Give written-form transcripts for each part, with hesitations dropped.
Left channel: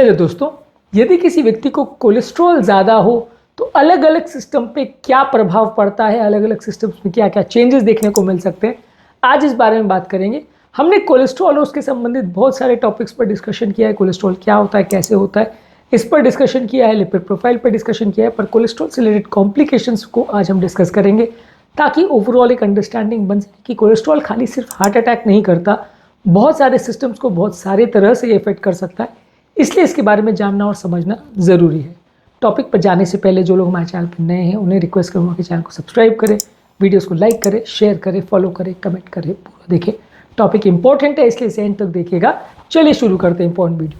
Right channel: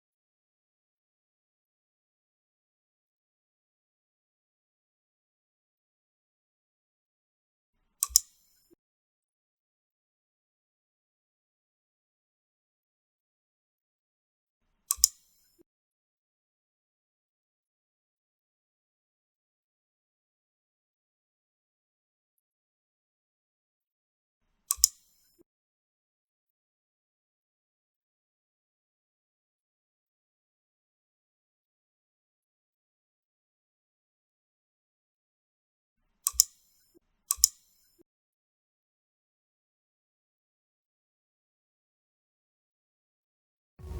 Hello दोस्तों, यदि किसी व्यक्ति को कोलेस्ट्रॉल ज़्यादा हो तो अलग अलग सिस्टम पे क्या प्रभाव पड़ता है, अलग अलग सिस्टम्स में क्या क्या चेंजेस देखने को मिल सकते हैं, आज इस बारे में बात करेंगे। हमने कोलेस्ट्रॉल और उसके संबंधित बहुत सारे टॉपिक्स पर डिस्कशन किया है। कोलेस्ट्रॉल क्या होता है, कैसे होता है, इस पर डिस्कशन किया है। लिपिड प्रोफाइल पर डिस्कशन किया है। पर कोलेस्ट्रॉल से रिलेटेड कॉम्प्लिकेशंस को आज हम डिस्कस करेंगे ताकि ओवरऑल एक अंडरस्टैंडिंग बन सके कि कोलेस्ट्रॉल खाली सिर्फ हार्ट अटैक नहीं करता, बहुत सारे सिस्टम्स को बहुत सारे तरह से इफेक्ट कर सकता है। इसलिए इसके बारे में जानना और समझना ज़रूरी है। टॉपिक पर जाने से पहले जो लोग हमारे चैनल पर नए हैं उन्हें रिक्वेस्ट करूँगा कि चैनल को सब्सक्राइब करें, वीडियोस को लाइक करें, शेयर करें, फॉलो करें, कमेंट करें, पूरा देखें। टॉपिक इंपॉर्टेंट है इसलिए इसे एंड तक देखिएगा। चलिए शुरू करते हैं इंपॉर्टेंट वीडियो।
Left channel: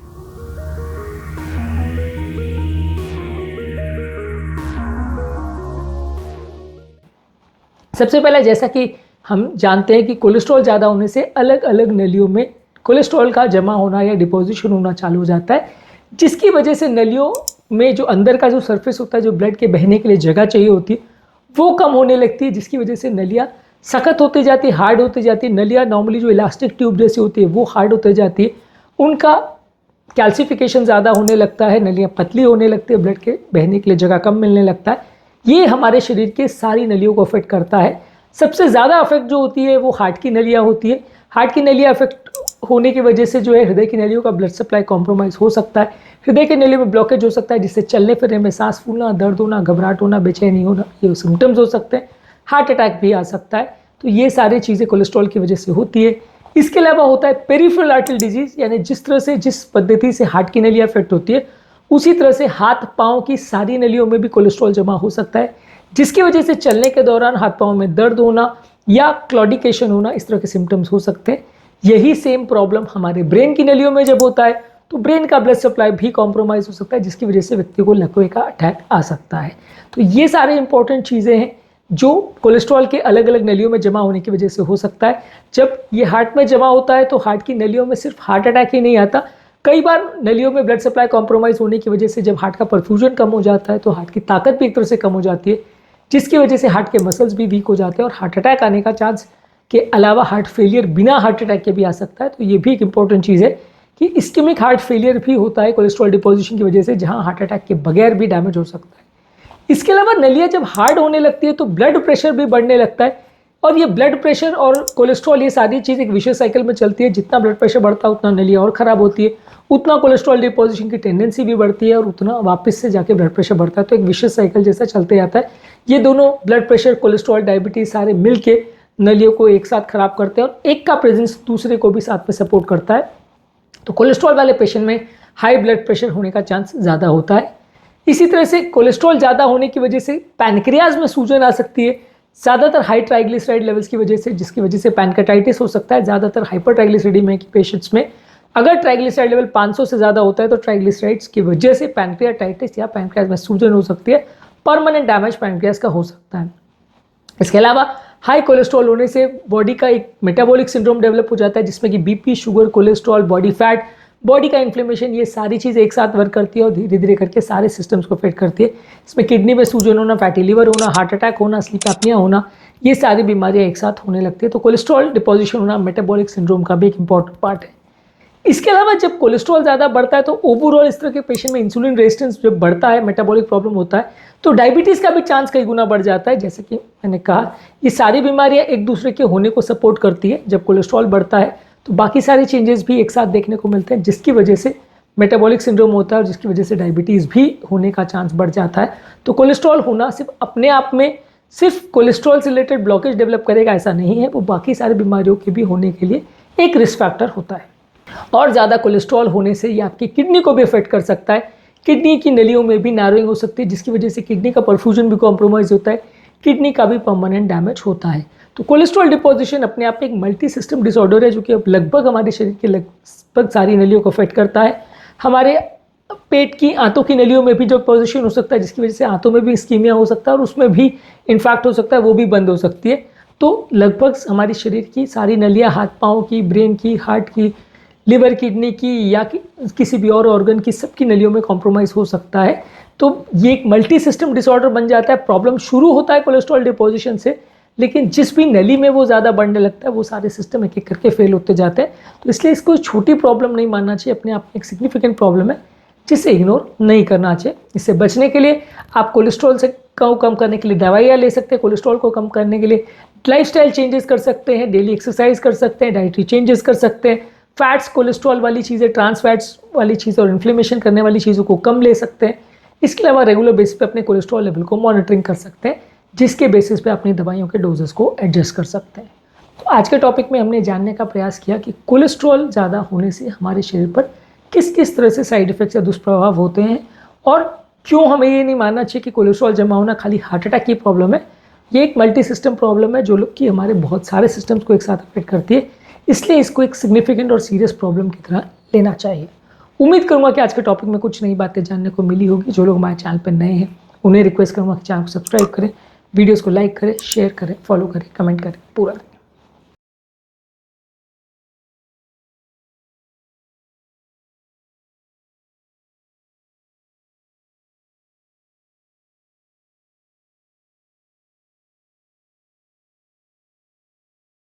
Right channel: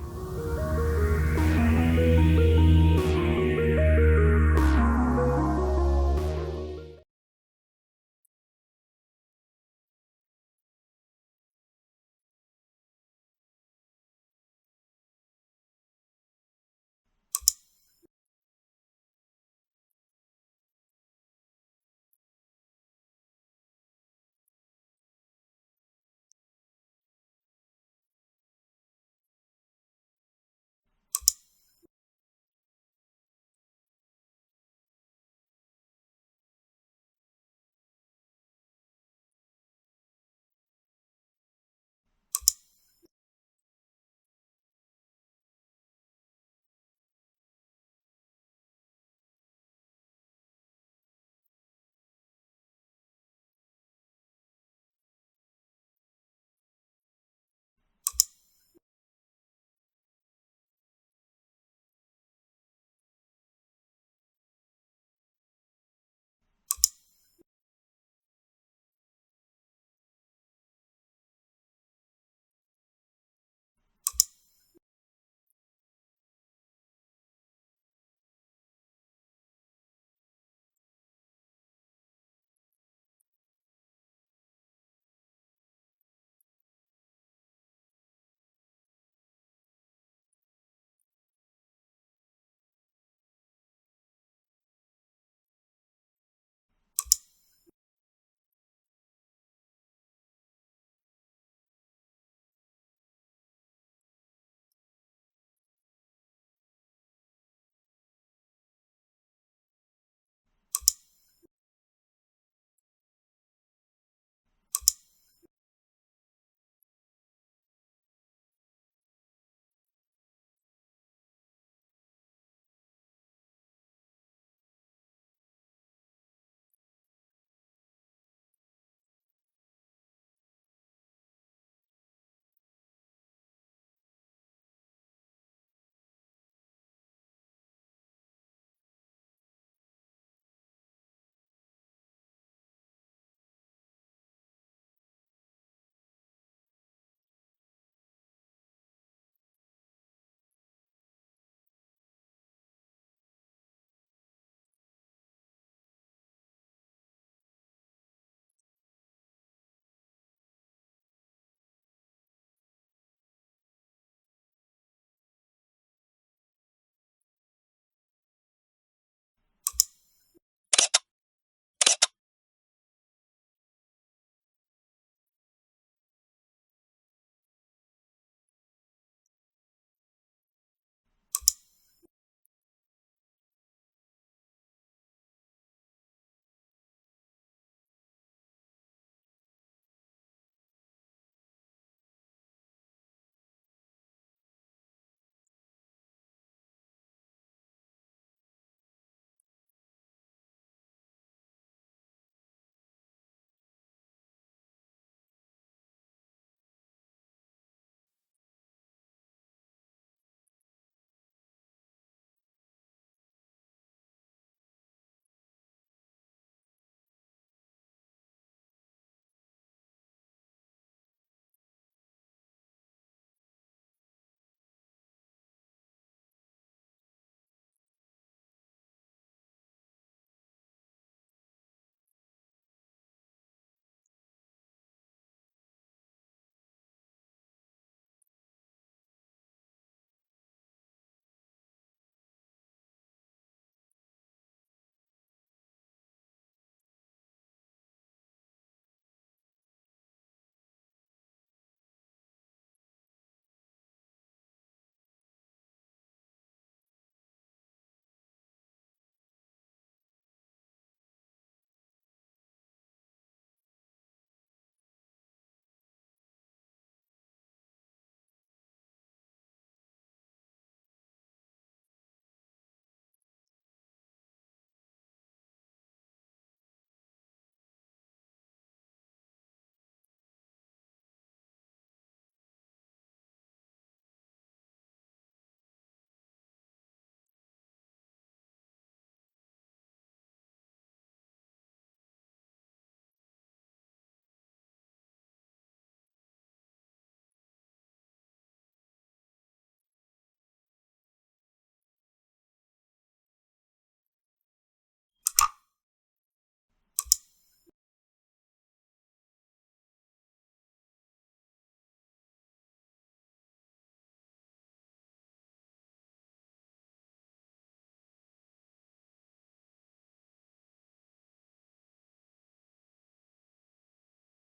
सबसे पहले जैसा कि हम जानते हैं कि कोलेस्ट्रॉल ज़्यादा होने से अलग अलग नलियों में कोलेस्ट्रॉल का जमा होना या डिपोजिशन होना चालू हो जाता है, जिसकी वजह से नलियों में जो अंदर का जो सरफेस होता है, जो ब्लड के बहने के लिए जगह चाहिए होती है, वो कम होने लगती है, जिसकी वजह से नलियाँ सख्त होती जाती है, हार्ड होती जाती है। नलियाँ नॉर्मली जो इलास्टिक ट्यूब जैसी होती है वो हार्ड होती जाती है, उनका कैल्सिफिकेशन ज़्यादा होने लगता है, नलियाँ पतली होने लगती है, ब्लड के बहने के लिए जगह कम मिलने लगता है। ये हमारे शरीर के सारी नलियों को अफेक्ट करता है। सबसे ज़्यादा अफेक्ट जो होती है वो हार्ट की नलियाँ होती है। हार्ट की नलियाँ अफेक्ट होने की वजह से जो है हृदय की नलियों का ब्लड सप्लाई कॉम्प्रोमाइज़ हो सकता है। हृदय की नलियों में ब्लॉकेज हो सकता है, जिससे चलने फिरने में सांस फूलना, दर्द होना, घबराहट होना, बेचैनी होना, ये सिम्टम्स हो सकते हैं। हार्ट अटैक भी आ सकता है। तो ये सारी चीज़ें कोलेस्ट्रॉल की वजह से होती है। इसके अलावा होता है पेरिफेरल आर्टरी डिजीज़, यानी जिस तरह से जिस पद्धति से हार्ट की नलियाँ अफेक्ट होती है उसी तरह से हाथ पाँव की सारी नलियों में भी कोलेस्ट्रॉल जमा हो सकता है, जिसकी वजह से चलने के दौरान हाथ पाँव में दर्द होना या क्लॉडिकेशन होना, इस तरह के सिम्टम्स हो सकते हैं। यही सेम प्रॉब्लम हमारे ब्रेन की नलियों में जब होता है तो ब्रेन का ब्लड सप्लाई भी कॉम्प्रोमाइज़ हो सकता है, जिसकी वजह से व्यक्ति को लकवे का अटैक आ सकता है। तो ये सारे इंपॉर्टेंट चीज़ें हैं जो कोलेस्ट्रॉल के अलग अलग नलियों में जमा होने की वजह से हो सकता है। जब ये हार्ट में जमा होता है तो हार्ट की नलियों में सिर्फ हार्ट अटैक ही नहीं आता, कई बार नलियों में ब्लड सप्लाई कॉम्प्रोमाइज़ होने की वजह से जब हार्ट का परफ्यूजन कम हो जाता है तो हार्ट की ताकत भी एक तरह से कम हो जाती है, जिसकी वजह से हार्ट के मसल्स भी वीक हो जाते हैं और हार्ट अटैक आने का चांस के अलावा हार्ट फेलियर बिना हार्ट अटैक के भी आ सकता है। तो ये भी एक इंपॉर्टेंट चीज़ है कि इस्केमिक हार्ट फेलियर भी होता है कोलेस्ट्रॉल डिपोजिशन की वजह से, जहां हार्ट अटैक के बगैर भी डैमेज हो सकता है। इसके अलावा नलियाँ जब हार्ड होने लगती है तो ब्लड प्रेशर भी बढ़ने लगता है, और ये ब्लड प्रेशर और कोलेस्ट्रॉल, ये सारी चीज़ एक विशेष साइकिल में चलती है। जितना ब्लड प्रेशर बढ़ता है उतना नलियाँ और ख़राब होती है, उतना कोलेस्ट्रॉल डिपोजिशन की टेंडेंसी भी बढ़ती है और उतना वापस से जाके ब्लड प्रेशर बढ़ता है। तो एक विशेष साइकिल जैसा चलते जाता है। ये दोनों ब्लड प्रेशर, कोलेस्ट्रॉल, डायबिटीज़ सारे मिल के नलियों को एक साथ खराब करते हैं और एक का प्रेजेंस दूसरे को भी साथ में सपोर्ट करता है। तो कोलेस्ट्रॉल वाले पेशेंट में हाई ब्लड प्रेशर होने का चांस ज़्यादा होता है। इसी तरह से कोलेस्ट्रॉल ज़्यादा होने की वजह से पैनक्रियाज में सूजन आ सकती है, ज़्यादातर हाई ट्राइग्लिसराइड लेवल्स की वजह से, जिसकी वजह से पैनकाटाइटिस हो सकता है। ज़्यादातर हाइपर ट्राइग्लिसरीडीमिया के पेशेंट्स में अगर ट्राइग्लिसराइड लेवल 500 से ज़्यादा होता है तो ट्राइग्लिसराइड्स की वजह से पैनक्रियाटाइटिस या पैनक्रियाज में सूजन हो सकती है, परमानेंट डैमेज पैनक्रियाज का हो सकता है। इसके अलावा हाई कोलेस्ट्रॉल होने से बॉडी का एक मेटाबॉलिक सिंड्रोम डेवलप हो जाता है, जिसमें कि BP, sugar, cholesterol, body fat, body का इन्फ्लेमेशन, ये सारी चीज़ें एक साथ वर्क करती है और धीरे धीरे करके सारे सिस्टम्स को अफेक्ट करती है। इसमें किडनी में सूजन होना, फैटी लीवर होना, हार्ट अटैक होना, स्लीप एपनिया होना, ये सारी बीमारियाँ एक साथ होने लगती है। तो कोलेस्ट्रॉल डिपोजिशन होना मेटाबॉलिक सिंड्रोम का भी एक इंपॉर्टेंट पार्ट है। इसके अलावा जब कोलेस्ट्रॉल ज़्यादा बढ़ता है तो ओवरऑल इस तरह के पेशेंट में इंसुलिन रेजिस्टेंस जब बढ़ता है, मेटाबॉलिक प्रॉब्लम होता है, तो डायबिटीज़ का भी चांस कई गुना बढ़ जाता है। जैसे कि मैंने कहा, ये सारी बीमारियां एक दूसरे के होने को सपोर्ट करती है। जब कोलेस्ट्रॉल बढ़ता है तो बाकी सारे चेंजेस भी एक साथ देखने को मिलते हैं, जिसकी वजह से मेटाबॉलिक सिंड्रोम होता है और जिसकी वजह से डायबिटीज़ भी होने का चांस बढ़ जाता है। तो कोलेस्ट्रॉल होना सिर्फ अपने आप में सिर्फ कोलेस्ट्रॉल से रिलेटेड ब्लॉकेज डेवलप करेगा ऐसा नहीं है, वो बाकी सारी बीमारियों के भी होने के लिए एक रिस्क फैक्टर होता है। और ज़्यादा कोलेस्ट्रॉल होने से ये आपकी किडनी को भी अफेक्ट कर सकता है। किडनी की नलियों में भी नारोइंग हो सकती है, जिसकी वजह से किडनी का परफ्यूजन भी कॉम्प्रोमाइज़ होता है, किडनी का भी परमानेंट डैमेज होता है। तो कोलेस्ट्रॉल डिपोजिशन अपने आप में एक मल्टी सिस्टम डिसऑर्डर है, जो कि अब लगभग हमारे शरीर के लगभग सारी नलियों को अफेक्ट करता है। हमारे पेट की, आंतों की नलियों में भी जो पोजिशन हो सकता है, जिसकी वजह से आंतों में भी इस्कीमिया हो सकता है और उसमें भी इन्फेक्ट हो सकता है, वो भी बंद हो सकती है। तो लगभग हमारी शरीर की सारी नलियाँ, हाथ पाँव की, ब्रेन की, हार्ट की, लिवर, किडनी की या किसी भी और ऑर्गन की, सबकी नलियों में कॉम्प्रोमाइज़ हो सकता है। तो ये एक मल्टी सिस्टम डिसऑर्डर बन जाता है। प्रॉब्लम शुरू होता है कोलेस्ट्रॉल डिपोजिशन से, लेकिन जिस भी नली में वो ज़्यादा बढ़ने लगता है वो सारे सिस्टम एक एक करके फेल होते जाते हैं। तो इसलिए इसको छोटी प्रॉब्लम नहीं मानना चाहिए, अपने आप में एक सिग्निफिकेंट प्रॉब्लम है। जिसे इग्नोर नहीं करना चाहिए। इससे बचने के लिए आप कोलेस्ट्रॉल से कम करने के लिए दवाइयाँ ले सकते हैं, कोलेस्ट्रॉल को कम करने के लिए लाइफस्टाइल चेंजेस कर सकते हैं, डेली एक्सरसाइज कर सकते हैं, डाइटरी चेंजेस कर सकते हैं, फैट्स कोलेस्ट्रॉल वाली चीज़ें, ट्रांस फैट्स वाली चीज़ें और इन्फ्लेमेशन करने वाली चीज़ों को कम ले सकते हैं। इसके अलावा रेगुलर बेसिस पे अपने कोलेस्ट्रॉल लेवल को मॉनिटरिंग कर सकते हैं, जिसके बेसिस पे अपनी दवाइयों के डोजेस को एडजस्ट कर सकते हैं। तो आज के टॉपिक में हमने जानने का प्रयास किया कि कोलेस्ट्रॉल ज़्यादा होने से हमारे शरीर पर किस किस तरह से साइड इफेक्ट्स या दुष्प्रभाव होते हैं, और क्यों हमें ये नहीं मानना चाहिए कि कोलेस्ट्रॉल जमा होना खाली हार्ट अटैक की प्रॉब्लम है। ये एक मल्टी सिस्टम प्रॉब्लम है जो लोग कि हमारे बहुत सारे सिस्टम्स को एक साथ अफेक्ट करती है, इसलिए इसको एक सिग्निफिकेंट और सीरियस प्रॉब्लम की तरह लेना चाहिए। उम्मीद करूंगा कि आज के टॉपिक में कुछ नई बातें जानने को मिली होगी। जो लोग हमारे चैनल पर नए हैं उन्हें रिक्वेस्ट करूंगा कि चैनल को सब्सक्राइब करें, वीडियोज़ को लाइक करें, शेयर करें, फॉलो करें, कमेंट करें, पूरा